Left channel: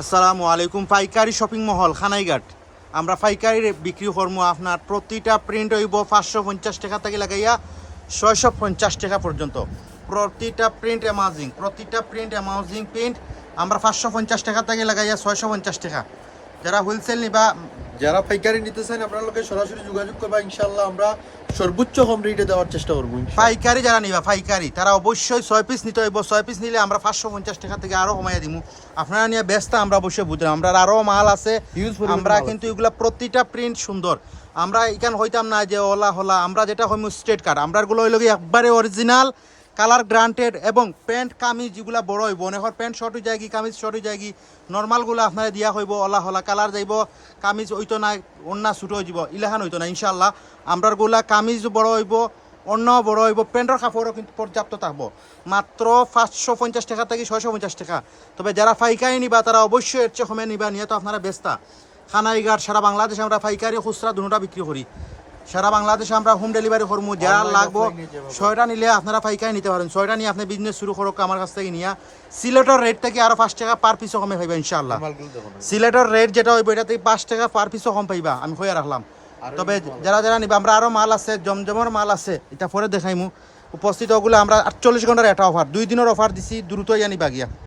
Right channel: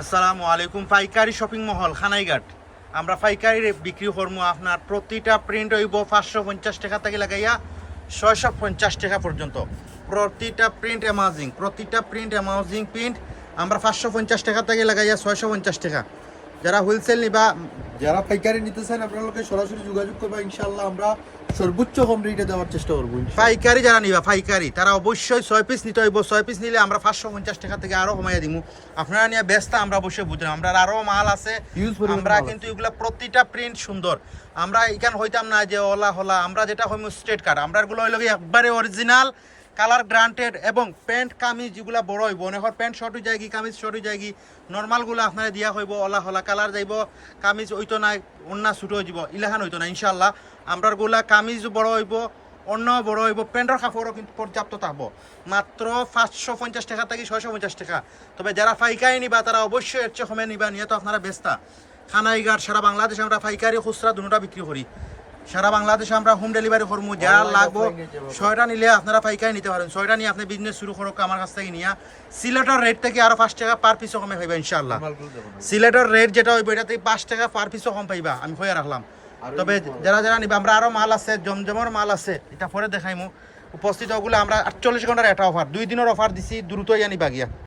আসসালামু আলাইকুম। পাইকারি শপিং মহল খানাইঘাট। আমরা পাইকারি বিক্রি করবো। আপনার প্রতিটা প্রিন্ট হইব 550 টাকা থেকে লাগাইয়া 650 টাকা পর্যন্ত। প্রতিটা প্রিন্ট অ্যামাউজিং প্রিন্ট আমরা 550 টাকা থেকে লাগাইয়া 650 টাকা। যারা হোলসেল নিবা, যারা পাইকারি নিতে চান আপনার লোকের সরাসরি যোগাযোগ করবা, ইনশাআল্লাহ আমরা সর্বোচ্চ কম রেটে দেওয়ার চেষ্টা করবো। পাইকারি যারা নিবা পাইকারি তারা অবশ্যই 6 পিস নিতে হইব। 6 পিস নিলে আমরা 550 টাকা থেকে আরো কমাইয়া দিব। আপনারা নিয়ে ব্যস্ত আমরা অবশ্যই বুঝলাম, আমরা আরো মাল আছে। আমরা কিন্তু এগুলা প্রতিটা প্রিন্ট সুন্দর। আমরা এখান হইতাম না যে ওলা হলা, আমরা যেটা হইম স্ট্রেট কাট। আমরা গুলো হইল একবারে অরিজিনাল কালার গ্রান্টেড এবং প্যান্ট কামিজ যেগুলা বড় হইব, অনেক প্যান্ট শর্ট হয়ে যায়, কামিজ শর্ট হয়ে যায়। নর্মালগুলো আপনারা দিয়া হইব ওলা হলা কালার যাইব, কামিজ হইতো না, অন্যা ছুটো হয়ে যাব, ইলাহান হইতো না। ইনশাল্লাহ আমরার গুলা কামিজ বড় হইব, অন্য বড় হইব, প্যান্টের কাপড়ও কিন্তু পর্যাপ্ত থাকবো। মাত্র 550 টাকা থেকে 650 টাকা। তবে যারা পাইকারি নিবা তারা অবশ্যই এর চেয়ে কমে নিবা। নিয়ে তো আপনারা ব্যস্তা। খানাইঘাট সারা বাংলাদেশে আমরা পাইকারি খুচরা দুটোটা বিক্রি করি। সারা বাংলাদেশে আমরা হোম ডেলিভারি করবো। যা লাগবো 6টা নিলে আপনারা পাইকারি নিতে পারেন। 6টা নিয়ে আপনি বিজনেস শুরু করো আমার কাছ থেকে নিয়ে। সিলেটের রেট থেকে আরো 5 টাকা পার পিসও কমে পাইবা ইনশাআল্লাহ। সিলেটের রেট যেটা হইব এটাতে 5 টাকা পার পিসও কম পাইবা, আমি হইয়া রাখলাম। তবে যারা যারা নিবা, আমরা আরো মাল আছে, জমজমের মাল আছে, এটা পরে দেখাইমু। উপস্থিত ওগুলো আমরা 48 ঘন্টার একটা অফার, 2 দিনের অফার দিছি, দ্রুত ইয়া নিবা গিয়া।